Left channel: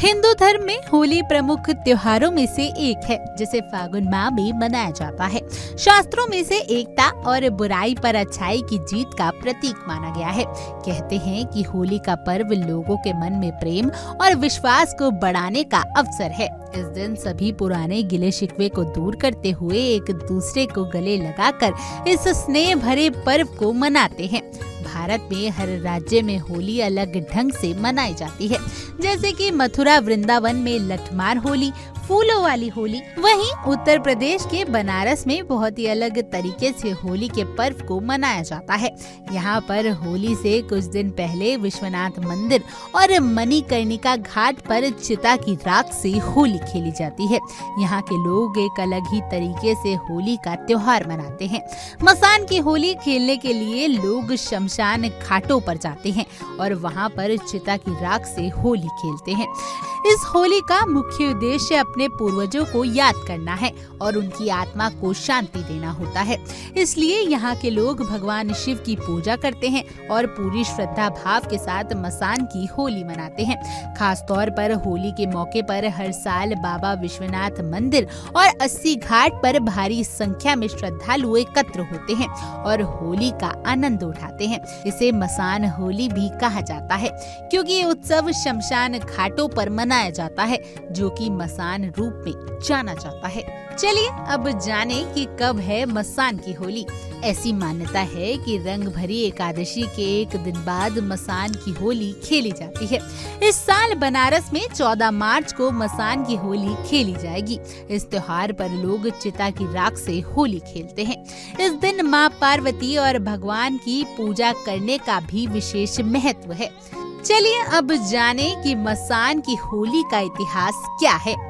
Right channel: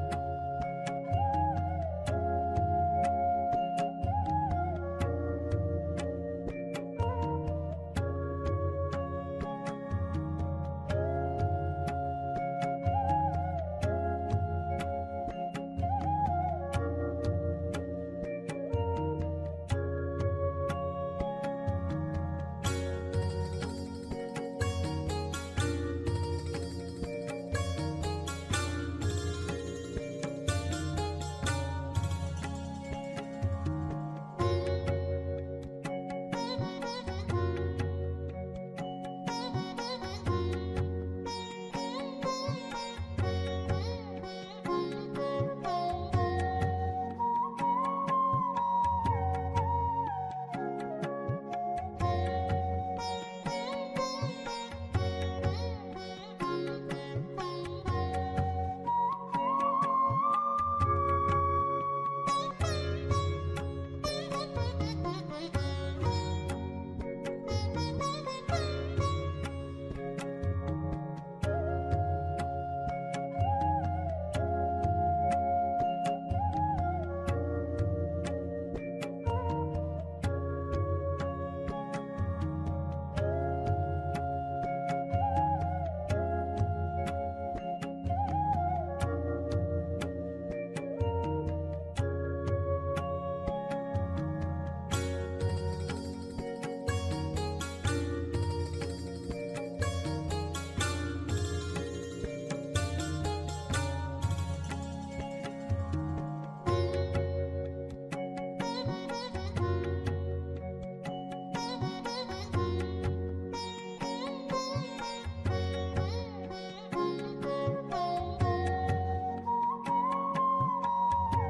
हिंदू धर्म में होली प्रमुख त्योहारों में से एक है जिसे फागुन माह में मनाया जाता है। शास्त्रों में से एकता और बुराई पर अच्छाई की जीत का प्रतीक माना गया है। कहते हैं कि होली का पर्व लोगों के मन में प्रेम और विश्वास को बढ़ाने का अवसर है। इस दिन सभी पुराने गिले शिकवे को दूर करते हुए एक दूसरे को गले लगाकर इस स्नेह भरे पर्व को मनाते हैं। भारत में हर राज्य में होली अलग ढंग से मनाई जाती है, जैसे कि मथुरा वृंदावन में लठमार होली, फूलों वाली होली। वहीं उत्तर प्रदेश के बनारस में बहुत ही अलग तरीके से होली के पर्व को मनाया जाता है। यहाँ पर होली से कुछ दिन पहले विश्वनाथ मंदिर और मणिकर्णिका घाट पर चिता की राख से होली खेली जाती है। यहाँ के लोग एक अलग ही तरीके से होली का त्योहार मनाते हैं। मसान की होली खेलने के लिए लोग शमशान घाटों पर जाते हैं और वहाँ पर चिता की राख से होली खेलते हैं। इस होली का मुख्य उद्देश्य अपने पूर्वजों को याद करना है और उनकी आत्मा को शांति देना होता है। इसलिए यहाँ के लोग भगवान शिव की पूजा करते हैं और पूरी श्रद्धा भाव के साथ मसान की होली मनाते हैं। खास तौर पर होली के मौके पर हर साल बाबा विश्वनाथ मंदिर और 80 घाट पर भारी संख्या में श्रद्धालु एकत्र होते हैं और होली का आनंद उठाते हैं। इसे मसान होली भी कहा जाता है क्योंकि ये उत्सव शमशान घाटों पर मनाया जाता है, जो कि मसान रूप में जाना जाता है। चलिए अब जाने कि कब है मसान की होली। ऐसी मान्यता है कि रंग भरी एकादशी के एक दिन बाद मसान की होली खेली जाती है। इस साल बनारस में 14 मार्च को मसान की होली खेली जाएगी। इस त्योहार पर लोग चिता की राख से होली खेलते हैं। इस दिन माँ पार्वती और भगवान की पूजा करने का भी विशेष महत्व है। चलिए अब जाने कि मसान की होली का इतिहास क्या है।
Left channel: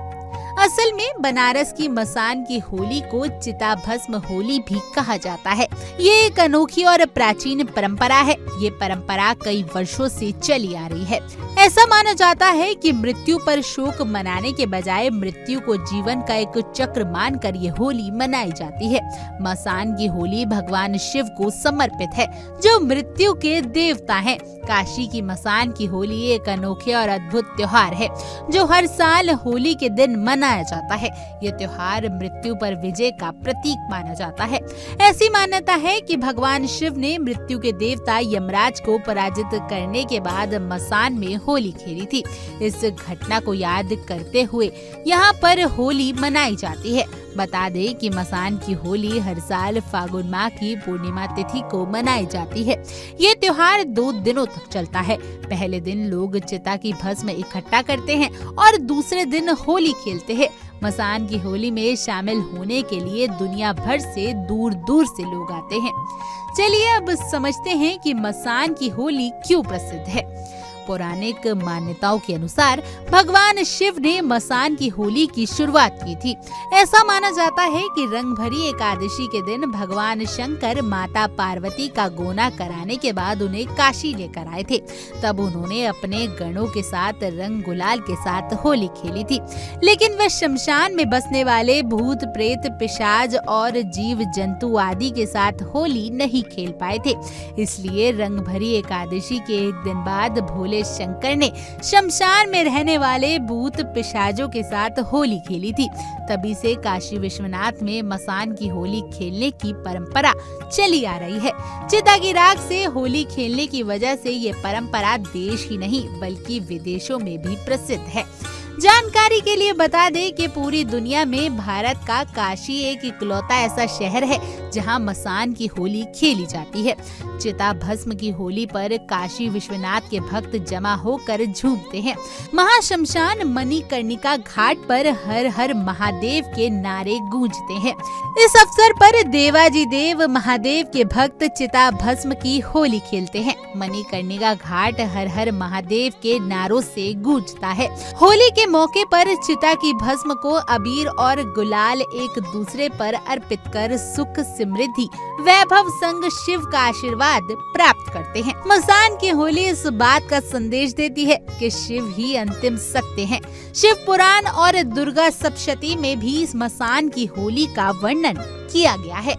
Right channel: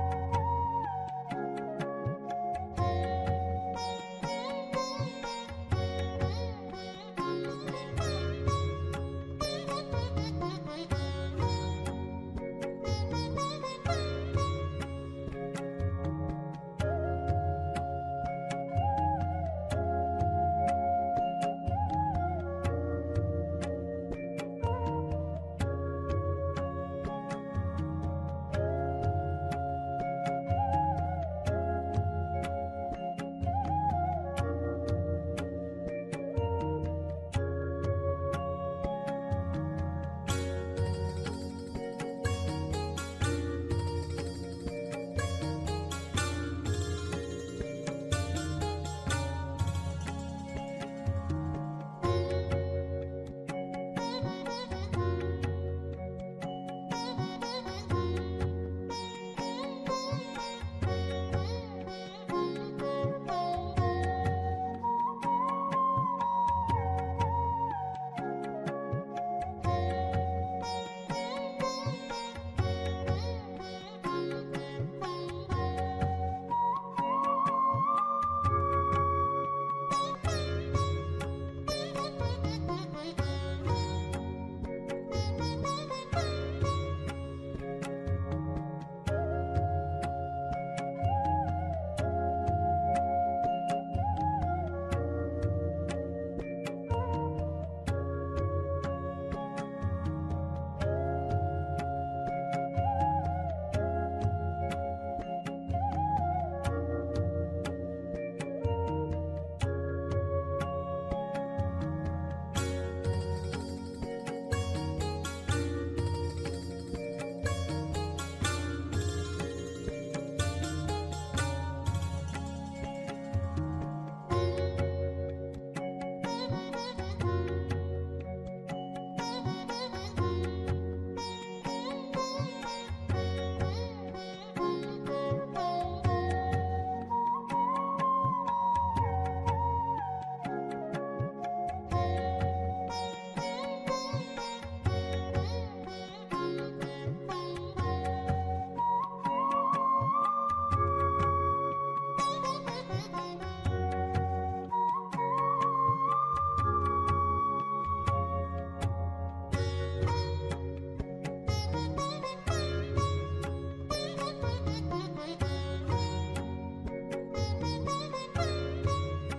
असल में बनारस की मसान की होली को चिता भस्म होली भी कहा जाता है। ये एक अनोखी और प्राचीन परंपरा है। ये परंपरा कई वर्षों से चली आ रही है। ऐसा माना जाता है कि मृत्यु पर शोक मनाने के बजाय मृत्यु को जीवन का एक चक्र मानकर ये होली मनाई जाती है। मसान की होली भगवान शिव को समर्पित है, जो मृत्यु के देवता हैं। काशी की मसान की होली एक अनोखे और अद्भुत त्योहार है, जो हर साल होली के दिन मनाया जाता है। ये त्योहार मृत्यु पर विजय का प्रतीक माना जाता है। ऐसी मान्यता है कि भगवान शिव ने मृत्यु के देवता यमराज को पराजित करने के बाद मसान में होली खेली थी। इस घटना को याद करते हुए यहाँ पर होली मनाई जाती है। बता दें कि मसान की होली हर साल फागुन माह की पूर्णिमा तिथि को मनाई जाती है। ये त्योहार 2 दिनों तक चलता है। पहले दिन लोग चिता की भस्म इकट्ठा करते हैं और दूसरे दिन होली खेलते हैं। मसान की होली में शामिल होने के लिए दुनिया भर से दूर दूर से लोग आते हैं। चलिए अब समझते हैं कि मसान की होली क्यों प्रसिद्ध है। पौराणिक मान्यताओं के अनुसार भगवान शिव ने मसान की होली की शुरुआत की थी। ऐसा माना जाता है कि रंग भरी एकादशी के दिन भगवान शंकर माता पार्वती का गोना कराने के बाद उन्हें काशी लेकर आए थे। तब उन्होंने अपने गणों के साथ रंग गुलाल के साथ होली खेली थी, लेकिन वे शमशान में बसने वाले भूत प्रेत पिशाच और जीव जंतु आदि के साथ होली नहीं खेल पाए थे। इसलिए रंग भरी एकादशी के एक दिन बाद भोले शंकर ने शमशान में रहने वाले भूत पिशाचों के साथ होली खेली थी। तभी से काशी विश्वनाथ में मसान की होली खेलने की परंपरा चली आ रही है। चिता की राख से होली खेलने की वजह से ये परंपरा देश ही नहीं बल्कि विदेशों में भी प्रसिद्ध है। जानकारी के लिए बता दें कि पूरी दुनिया में भारत का काशी एक इकलौता ऐसा शहर है जहां मसान की होली खेली जाती है। चिता भस्म की होली पर काशी विश्वनाथ के भक्त जमा होकर झूमते हैं। महाशमशान मणिकर्णिका घाट पर हर हर महादेव के नारे गूंजते हैं। इस अवसर पर देवाजी देव महादेव के भक्त चिता भस्म की होली खेलते हैं। मणिकर्णिका घाट हर हर महादेव के नारों से गूंजता है। होली के मौके पर चिता की भस्म को अबीर और गुलाल एक दूसरे पर अर्पित कर सुख समृद्धि वैभव संग शिव का आशीर्वाद प्राप्त करते हैं। मसान की होली इस बात का संदेश देती है कि शिव ही अंतिम सत्य हैं। शिव पुराण और दुर्गा सप्तशती में भी इस मसान की होली का वर्णन किया गया है।